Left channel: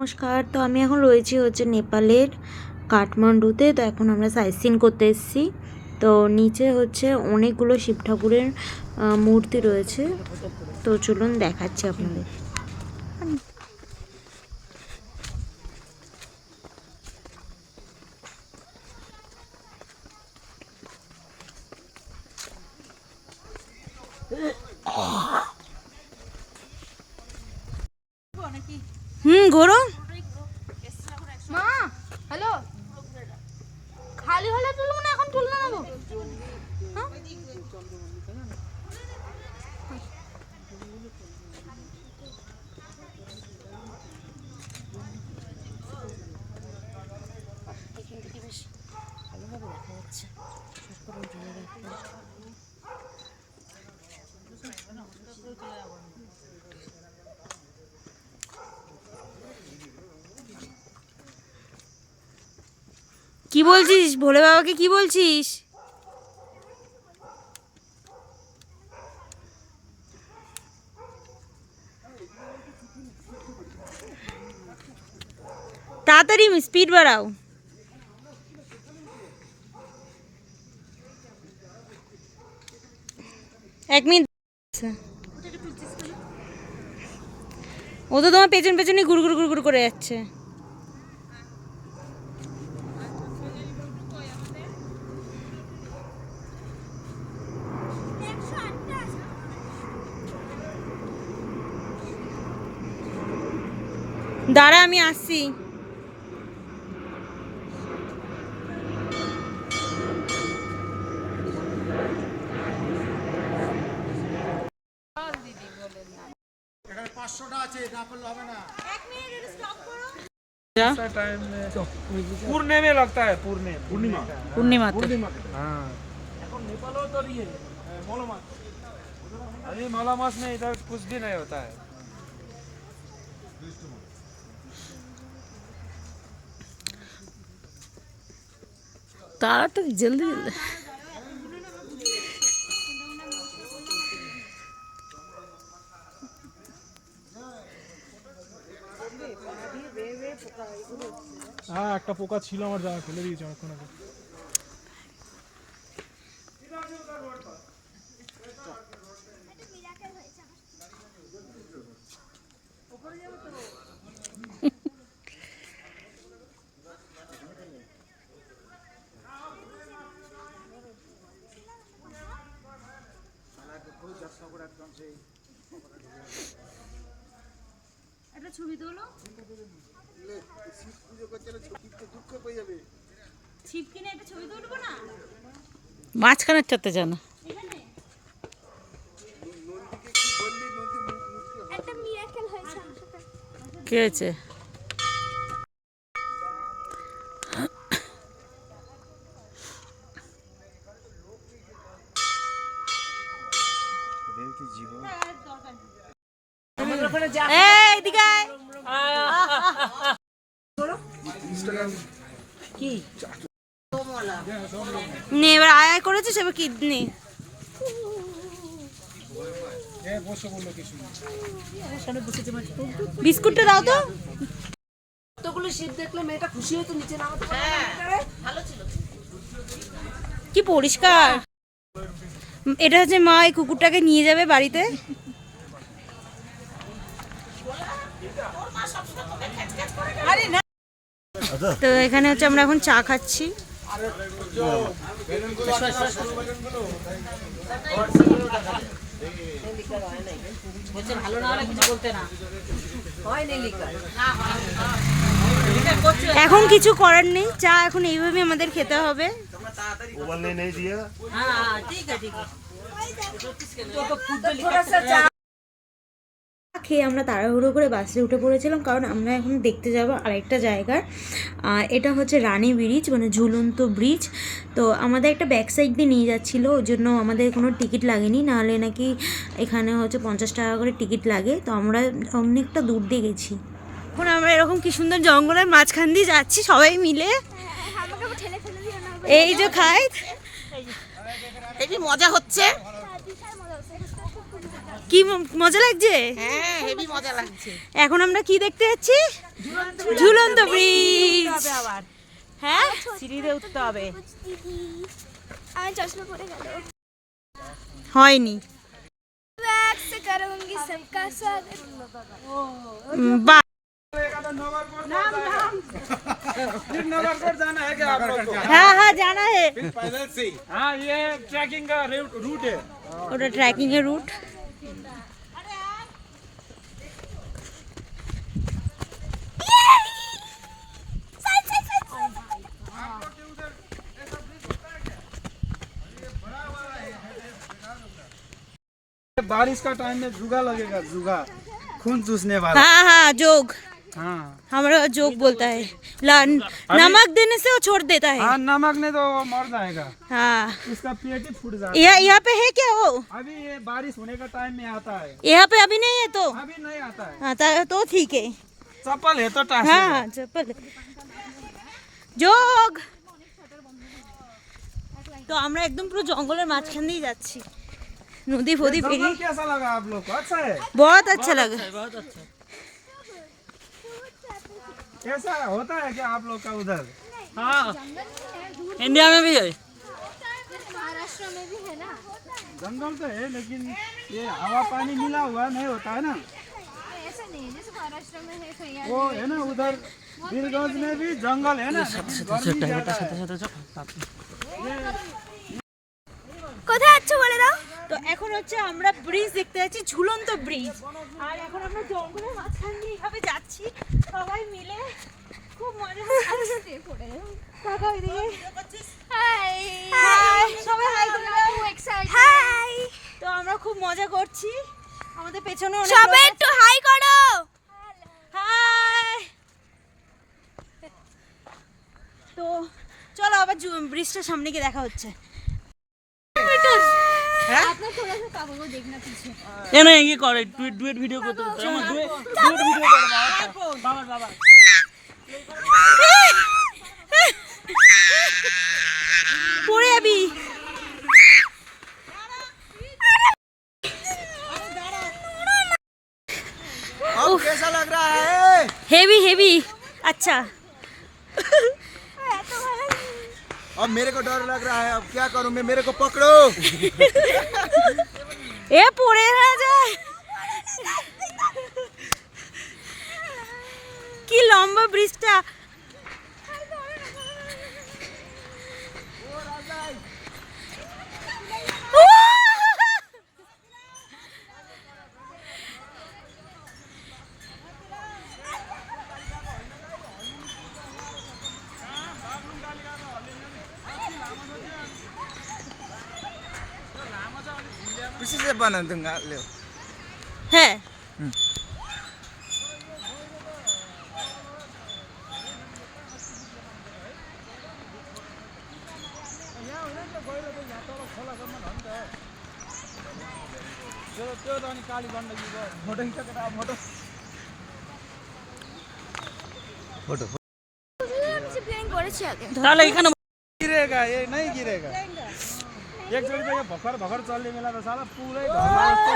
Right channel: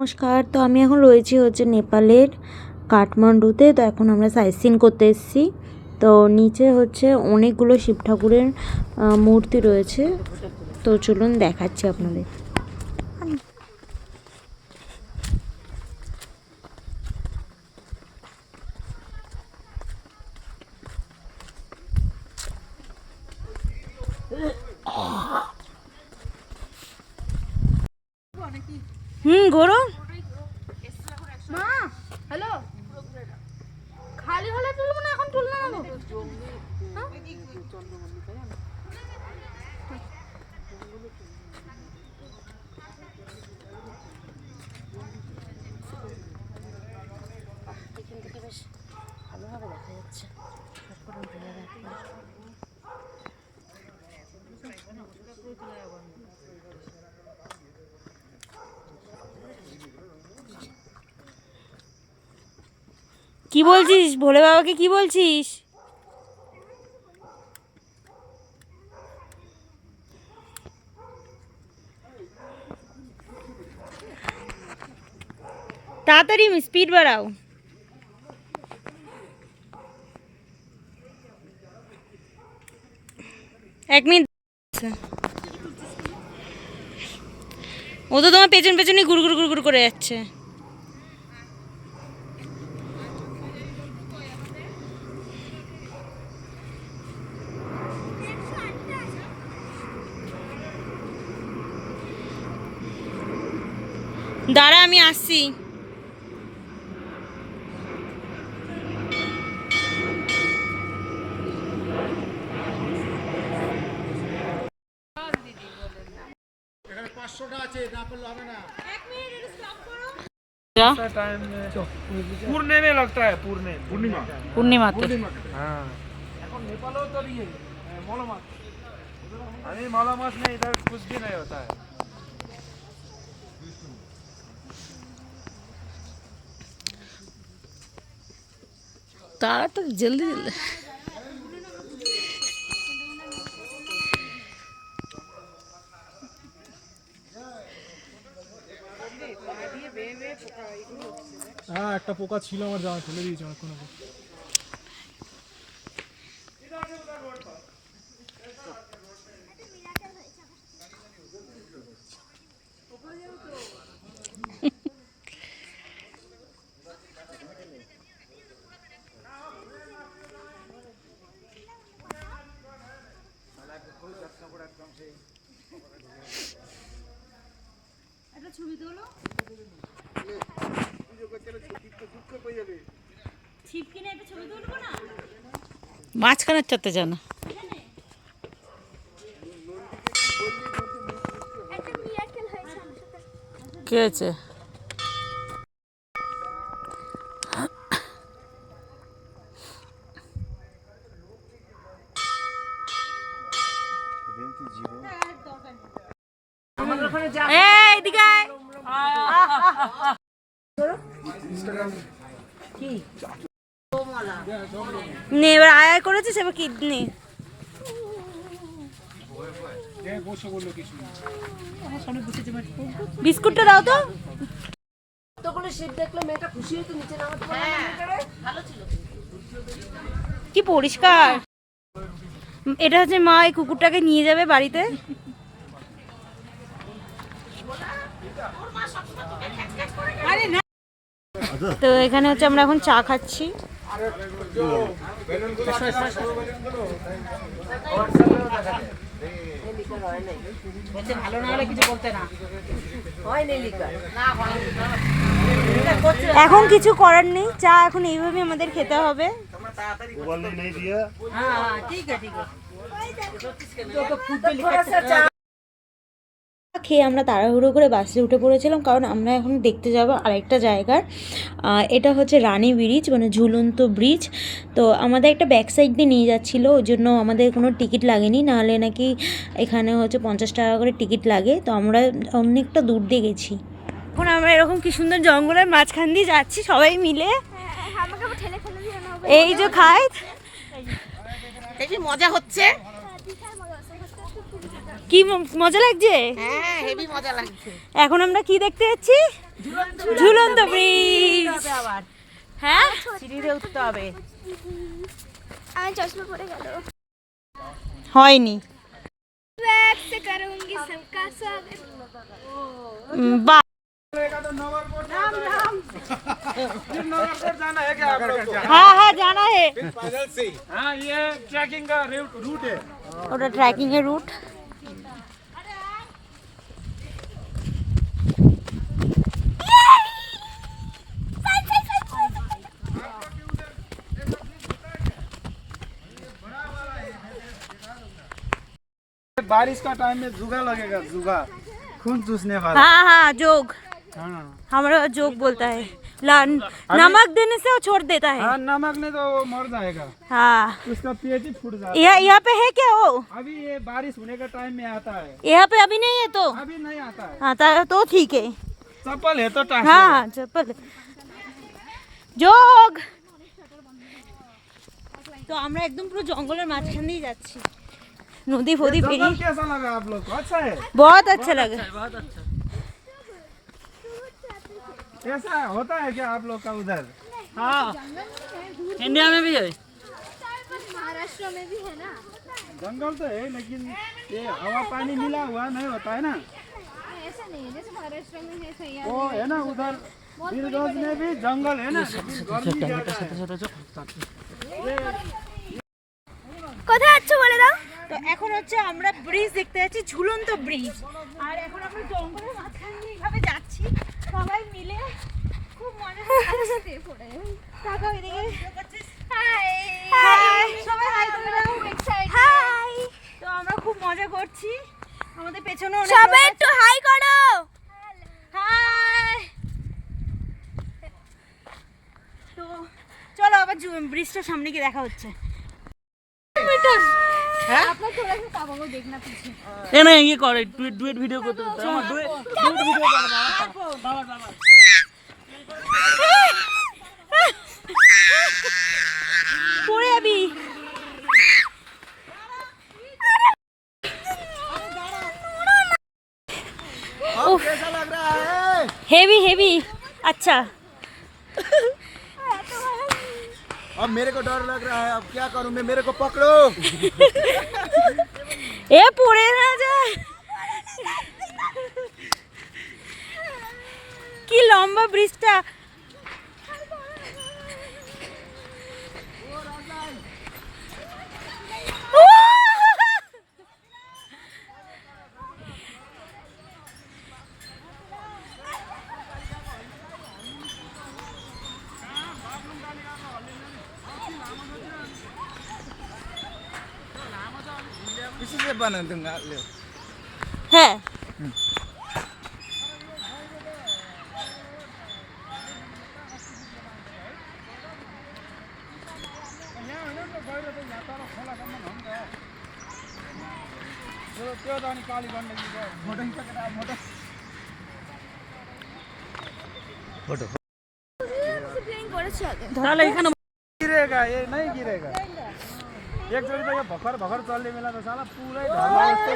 নমস্কার। তো আমি এখন রয়েছি নেপালের কাঠমান্ডুতে। তো এখন আমরা সাইট সিন করতে এসেছি। তো নিচে অনেকগুলো শিব ঠাকুরের মূর্তি রয়েছে। তো চলুন দেখাচ্ছি আপনাদের। ঘোরো। মা হ্যালো, খালি হলে তুলবো না, এখন তুলনা নেবো। এখান থেকে বেশ ভালোভাবে দেখা যাচ্ছে। কি বলছিস ভোলে বাবাকে? কি বলছিস? তাড়াতাড়ি স্পিড বাড়াও। এক মিনিট। ও তো তোমার পেছন পেছনই গুড়গুড় গুড়গুড় করে যাচ্ছে। দাঁড়া, আমি আসছি। पूर्णे में लगता है, पूर्णिमा हाँ। अभी मौला मास में इधर कुछ भी नहीं होता है। तारा तो जल्दी হ্যাঁ, একটা পোকা ছিল আমার জামা, ফেলে দিয়েছি অনেকক্ষণ আগে। একটা ছবি তোলো। ছিপ কিনে একটা ছবি তুলবো না? মাঝখানে চাতে জানা কি হয়েছে? নে এবার আয় করেছিস, এবার কিডনি বিস্কুটটা দাও তো। কতগুলো শিপ দেখলে মেয়েটা খুশি হতো, নিচে নামাতে ভালো ছিল। কি পরিষ্কার। এটা মা এই কুকুরটাকে নিয়ে যাবে বাড়িতে। তো এখানে আমরা এখন চা খাচ্ছি। ভালো না হলে কিছু বলতে না। এখন কিছু করার নেই, চা এখন এইভাবে আমাদের খেতে হবে। খেয়ে আমরা তাড়াহুড়ো করে বাসে উঠে পড়েছিলাম, কারণ আমরা এখন দেখতে যাব আরেকটা জায়গার। এটা রানী ব্রিজ, মানে ঝুলন্ত ব্রিজ। তো আমাদের একটা ব্যাক সাইড দিয়ে নিয়ে যাচ্ছিলো, ওই জন্য আমাদের কোনো টিকিট লাগেনি, নাহলে নাকি এখানে 50 টাকা করে টিকিট লাগে। তো আমরা অনেকটা দূর দিয়ে গেছি। এখন আমরা এরকম কি সুন্দর জঙ্গলের মাঝখান দিয়ে যাচ্ছি সবাই মিলে। এই যে খাই, মজা হচ্ছে। কি মজা লাগছে? হ্যাঁ, হেভি মজা লাগছে। এখন আমরা কি দেখতে যাচ্ছি? ঝুলন্ত হ্যাঁ সিঁড়িতে উঠতে হবে। আমি চশমা পরে গেল। হয়নি। बैग से करूंगी सबका स्वागत। বাহ फिर नवरगढ़ जाना है क्या आप लोग को? হ্যাঁ হ্যাঁ জানা হে पैदल से ही। हाँ ये ट्रैकिंग का रूट है। ওটা ট্রেকিং এর রুট। बारिश का टाइम में जुगा लगेगा, जुगा खून चूसने वाला। हाँ हाँ जोग, हाँ हमारे यहाँ जोग बोलता है। नमक देने से वो छोड़ देता है। हाँ नमक नहीं तो वो मर जाएगा, हाँ उसका पेट ही फूट जाता है। यहाँ पे है क्या वो? अभी ये बारिश होने का टाइम में आता है, यहाँ पे अभी नहीं है तो? अभी नहीं आता है। हाँ तो ठीक है। चप्पल है तो टाइम। हाँ हाँ चप्पल जोग। তো আমরা একদম পুরো জঙ্গলের মাঝখান দিয়ে যাচ্ছি, নদী ফদি পেরিয়ে। जंगल कैसा लगा आप लोग को? अच्छा है, बहुत अच्छा लगा। कैसा होता है क्या आप लोग का उधर? हाँ इंडिया में भी है। महाराष्ट्र में भी है ना। जंगल तो है लेकिन ये हवा पानी मिला हुआ नहीं होता है ना, ऐसा नहीं जैसे महाराष्ट्र में है सही वो है ना उधर वीरगंज में भी जंगल है ना, गर्मी ज्यादा है। কোথায় আছো বলে দাও। তো এখন হচ্ছে আমরা ব্রিজ দেখতে যাচ্ছি, ঝুলন্ত ব্রিজ। আর এখন আমরা জঙ্গলের মাঝখান দিয়ে এইভাবে যাচ্ছি সবাই মিলে, খুব মজা হচ্ছে। তাকাও এদিকে। হাই হাই সবাই হাই করে দাও। হাই তো আমরা খুব মজা করছি, আমাদের পেছনে অনেক সবাই লোক একটু হাই করো। হাই। তো চলো আবার ব্রিজটার সামনে গিয়ে দেখা হচ্ছে। अपना थोड़ा सा पापा को देखना पीछे। ये नहीं ये कर डुएट वीडियो को तो डुएट वीडियो कर बाबा बाबा পড়ে যাবি। अब कैसा लग रहा है? Heavy heavy. আচ্ছা अब मेरे को डर लग रहा है, अब क्या करूं मैं, मेरे को पकड़ो। এ পড়ে না যায়। কি লম্বা ব্রিজটা। किसी से बना दूंगा ले। হ্যাঁ त्यो त अनि काली गण्डकी गयो, फोटो खिचेर फोटो प्लानिंग করেছি আগে। তাহলে এখানে गिरेगा, ये नहीं गिरेगा। एकचोटि त यो भर्खर भर्खर चल्ने बेला त साला पुरै ढल्ला जस्तो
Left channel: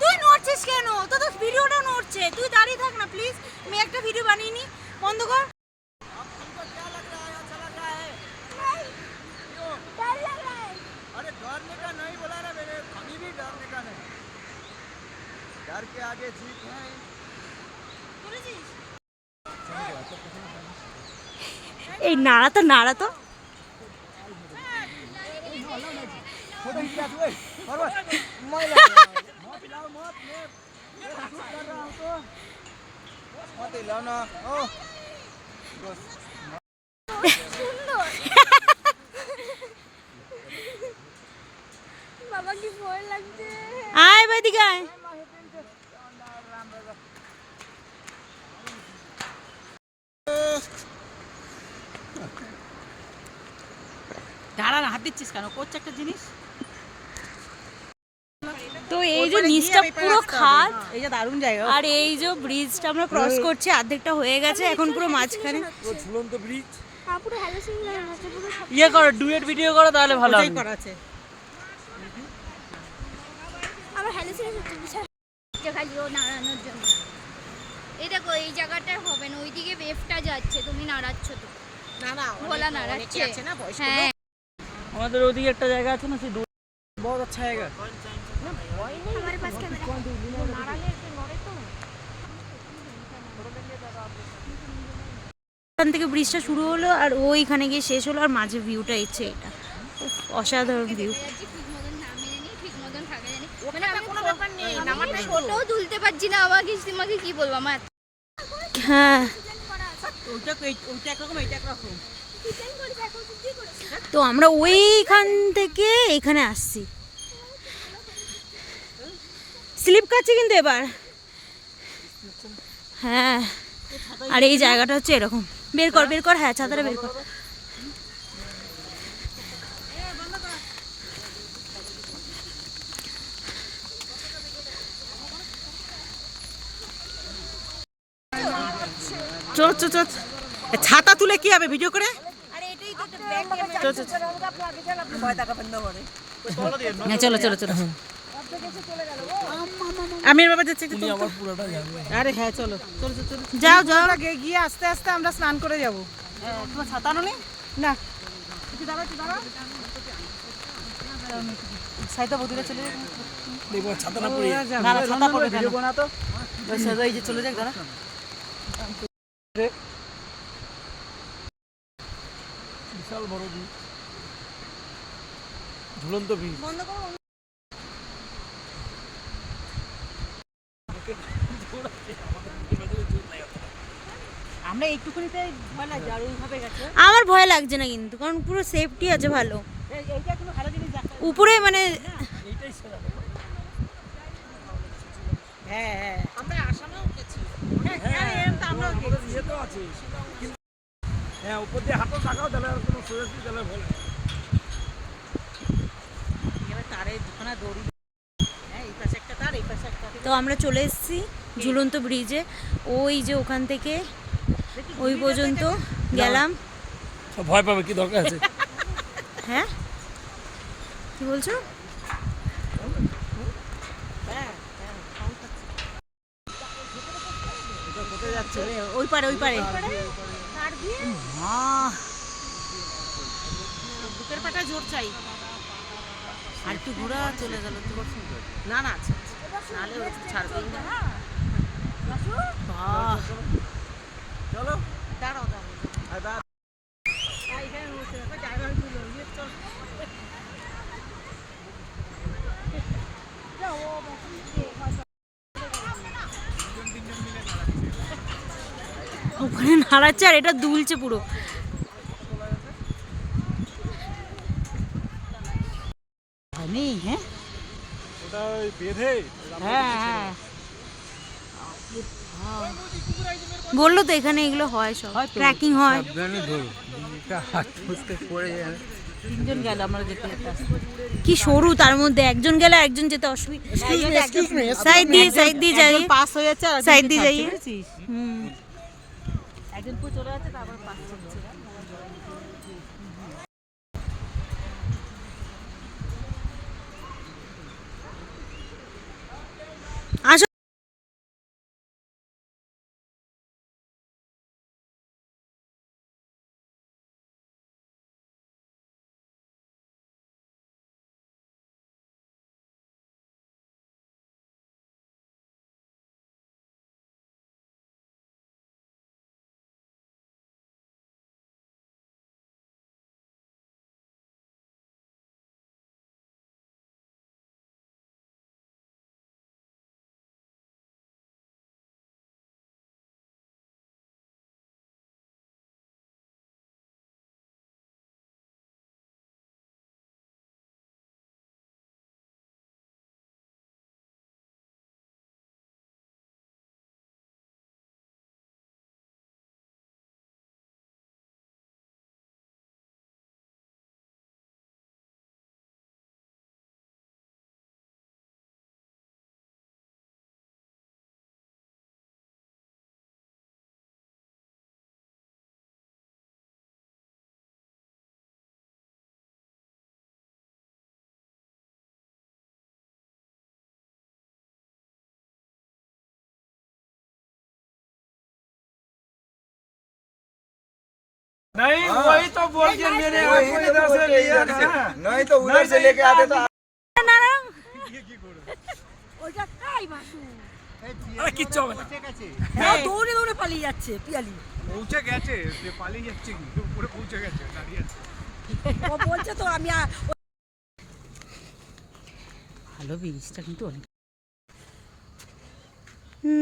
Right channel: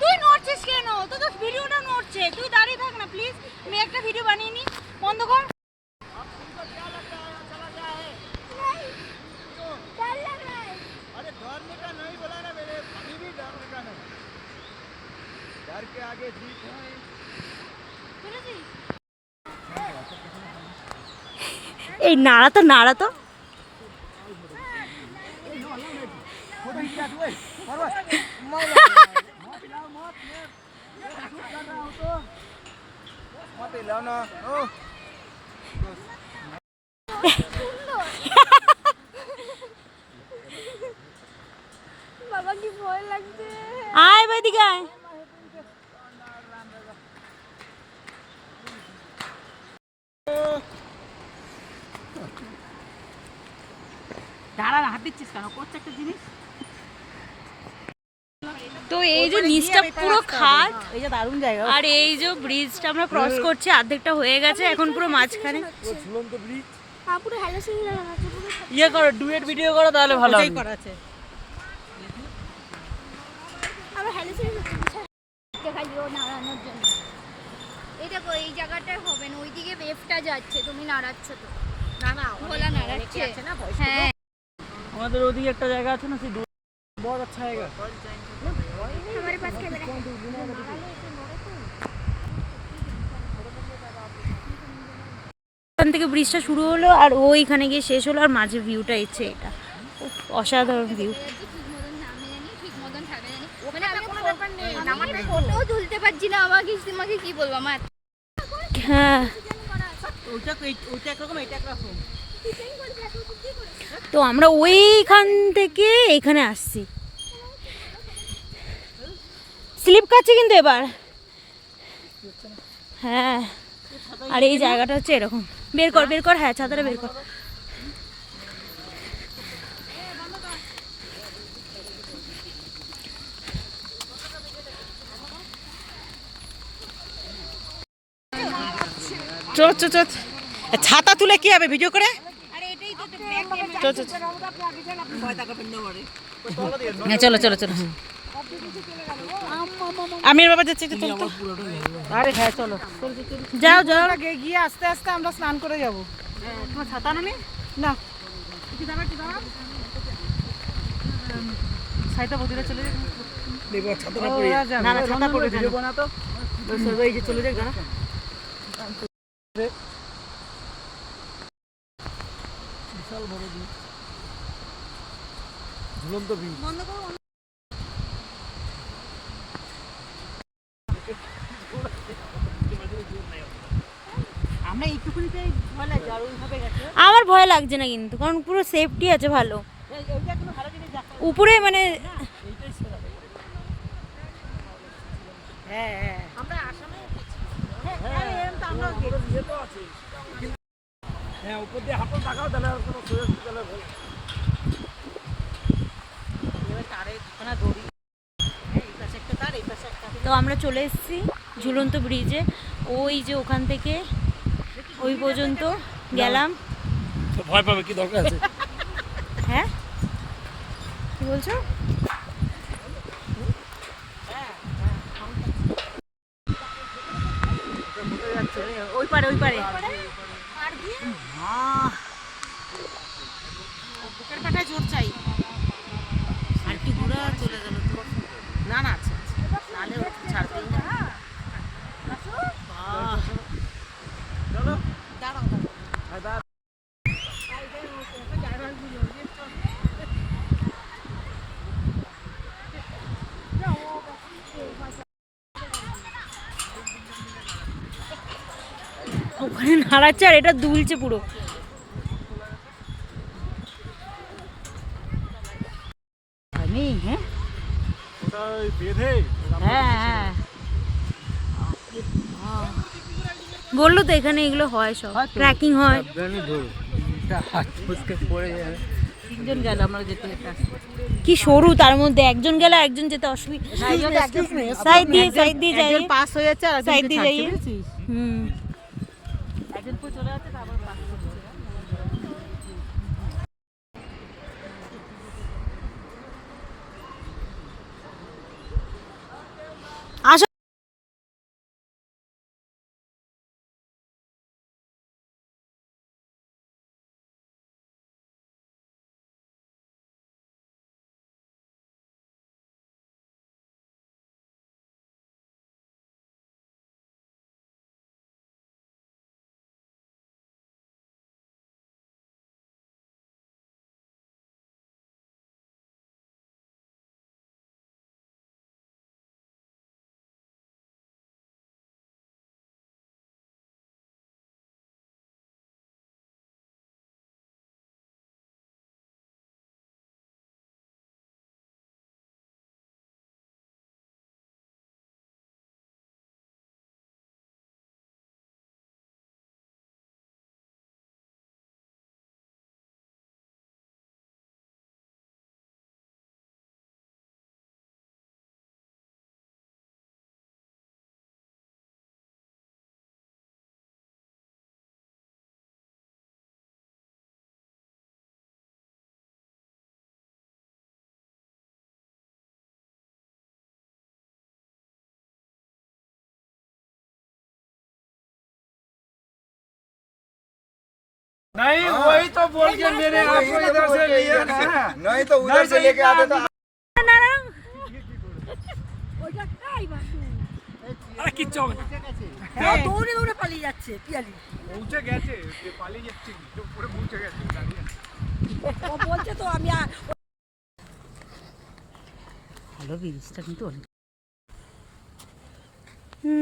তুই নড়ছিস কেন? তো তো ভিডিওটা নড়ছে, তুই দাঁড়িয়ে থাক না প্লিজ। আমি একটা ভিডিও বানিয়ে নি, বন্ধ কর। डर लग रहा है। अरे डरने का नहीं बोला ना मैंने, अभी भी डरने का नहीं, डर के आगे जीत है। এই নাড়া তো নাড়া তো। फोटो खिंचा तू ए, फॉरवर्ड मत हिलाओ मत, मैं शूट कर रहा हूं तो मत हिलाओ ना। ओ বাবা কি ভয় লাগছে। আয় বেদিকে আয়। দাঁড়া হাত দিচ্ছিস কেন? করছে একটা জিনিস তো এই যে নিচটা পুরো খাদ, এই যে দারুণ জায়গা। আর এই যে ব্রিজটা আমরা ক্রস করছি, অর্ধেকটা হয়ে গেছে, এখন পুরো মাঝখানে। ঝুলন্ত ব্রিজ পুরো হ্যালোসিন আছে পুরো ইয়ে করো, ডুয়েট ভিডিও করো তাহলে ভালো ওটাই হবে। করা আছে। আবার হ্যালোসিন খালিও নাড়ানোর জন্য। এই দেখো এই জায়গাটা হবে না, ওইদিকে ওয়েভটা যাচ্ছে, তুমি নাড়াচ্ছ তো। না না ভোলা নাড়াচ্ছে। আছে না বয়স্ক হ্যাঁ আমাদের ওদিকে একটা জায়গা আছে না, সেই बहुत अच्छा है हमारे पास कैमरा है। ওখান থেকে ব্রিজটা শুরু হলো আর ওইখানে গিয়ে শেষ হলো, আর মাঝে ভিউটা ইচ্ছে এটা। উফ, অসাধারণ ভিউ। ঠিক মতন নামে জানি, ঠিক মতন থাকে জানি। মানে আমি কোনো ব্যাপার নেই, নামাটা ফটোও তুলতে পারছি না, তোমাকে কি বলবো আমার। হ্যাঁ, ওইটা একরকম, এইটা একরকম। তো আমরা ওইখান থেকে এখানে আসছি। স্লিপ কাটছে কিন্তু এবার। হ্যাঁ, আর এই জায়গাটা হচ্ছে এরকম। বের কর বের কর, হ্যাঁ ছাতাটা বের কর। চল চল চল, ছাতা তুলে কি হবে ভিডিও করে? চল চল হ্যাঁ, চলো চলো চলো। হ্যাঁ আমি বাবা যাচ্ছি, চল তো। আরে হ্যাঁ চলো চলো চলো, যাও যাও। গিয়ে আস্তে আস্তে আমরা স্নান করে যাব। তোমার ছাতা নেই না? কি দাঁড়া কি দাঁড়া, সাইতা বদিরা চলে যাবে। देखो छाता না पूरी না ছাতা পড়বে না। वीडियो बना तो এই যে চলে যাক দাঁড়া। বিশাল বড় ব্রিজ, ঝুলন্ত ব্রিজ। আমরা এইটুকুনিতে ভয় লাগে, আর ওইভাবে গেছে। আমার ভয় লাগছে না কিন্তু, কারণ পুরো সেফটি আছে ভালো। এইটা কোনো ভালো জিনিস দেখা। উপরে মানে হ্যাঁ হ্যাঁ আমরা আসামেও উঠেছি। এরকম তো আমরা আমাদের ইয়ে তো আছে কিন্তু হ্যাঁ, উপর দিয়ে হাঁটো তাকাও তাহলে আর কোনো সুযোগ তাহলে ভয় লাগে। এবার তারে দুখানা দড়ি, হ্যাঁ এই পাশে একটা তার, এই পাশে একটা। তো আমরা চলে এসেছি ঝুলন্ত ব্রিজে। ওই যে ওখান থেকে ওই পর্যন্ত গেলাম। তো ভয় পাবে কি দরকার আছে? হ্যাঁ কি বলছো? ওই পারে ওই পারে। বুকের পাটায় জোর চাই। আর একটু ঘোরা চলে গেল তো। না না আচ্ছা তাহলে ছাড়বে না। চলো দাঁড়াও দাঁড়াও। আর দা ওখানে নাড়াচ্ছে আর এটা দুলছে পুরো। হয়নি হ্যাঁ ওটা ওই বেঁধে হ্যাঁ হ্যাঁ বললো তো এখানে এগুলো হয়, সব ট্রেকিং হয়। সাবধানে ধরো, এটা হাত ফুসকে পড়ে যাবে। তিনজন গেল আমরা যেতে যেতে। কি সরু, তার মধ্যে একজন গেলে একজন যেতে অসুবিধা। সাইড দিয়ে যাই, একজন পাস হয়ে যাচ্ছে আর সাইড দিয়ে যাই। বুঝেছিস? হুম। একজন পুরো চলে যাচ্ছে তারপর পাস হচ্ছে। আসো। नहीं वही तो बोल के मेरे वही आपको तो इधर बोल से के लिया इधर ना से, नहीं तो उधर से लेके आते तो আর কিচ্ছু হবে না দৌড়ে দৌড়ে পালিয়ে যাচ্ছে পিয়ালি পৌঁছে গেছে পালিয়ে যাচ্ছে কি উপরে পৌঁছে গেছে দাঁড়িয়ে আছে ও বলছে তো আমি ভালো ব্রিজটা কিন্তু অনেক।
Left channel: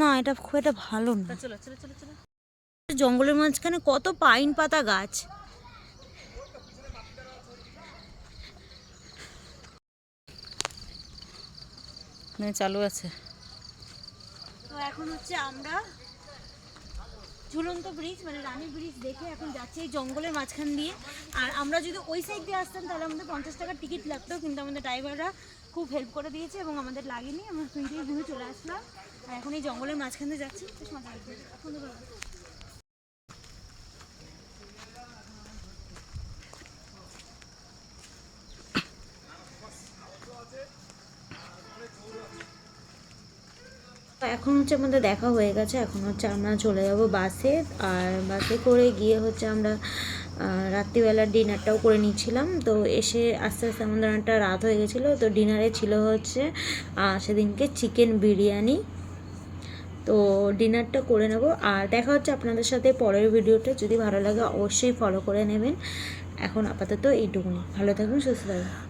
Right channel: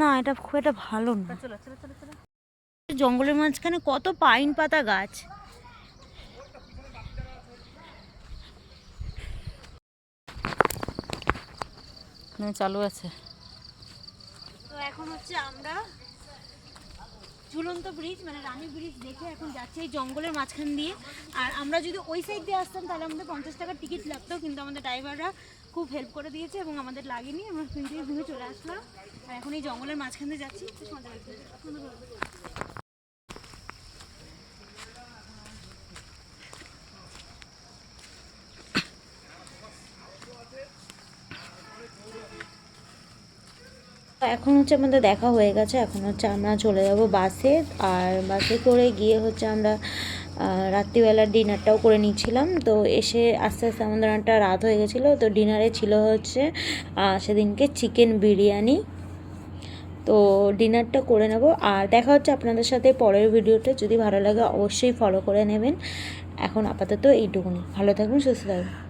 না এটা খুব একটা ভালো না। চলো চলো চলো চলো। জঙ্গলের মাঝখানে কত পাইন পাতা গাছ। চালু আছে। তো এখন হচ্ছে আমরা ঝুলন্ত ব্রিজ মানে রানী ব্রিজ দেখে এখন যাচ্ছি এই জঙ্গলের মাঝখান দিয়ে। আর আমরা যদি ওই সাইড দিয়ে আসতাম তাহলে আমাদের 50 টাকার টিকিট লাগতো, কিন্তু আমাদের ড্রাইভাররা খুব হেল্প করে দিয়েছে এবং আমাদের লাগেনি, আমরা ওখান থেকে ঘুরে চলে আসলাম। আর এখন এই জঙ্গলের মাঝখান দিয়ে যাচ্ছি, বেশ মজা লাগছে, সুন্দর ভালো। এখন হচ্ছে আমাদের দেখা হয়ে গেছে, এখন হচ্ছে আমরা চলে যাব বাসে। আর বাসে করে গিয়ে হচ্ছে আমরা রাত্রিবেলার ডিনারটাও করে নিচ্ছিলাম। তো এসে আস্তে আস্তে আমাদের একটা রাত হয়ে গেছিলো। তো ডিনারে ছিল হচ্ছে সেদিনকে চিকেন বিরিয়ানি। তো ডিনারটা করে নেব আর দেখা হচ্ছে আপনাদের সাথে পরের ভিডিওতে। যদি ভালো লাগে অবশ্যই ফলো করে নেবেন। এখন আপাতত এইটুকুনি, ভালো থাকুন, সুস্থ থাকুন।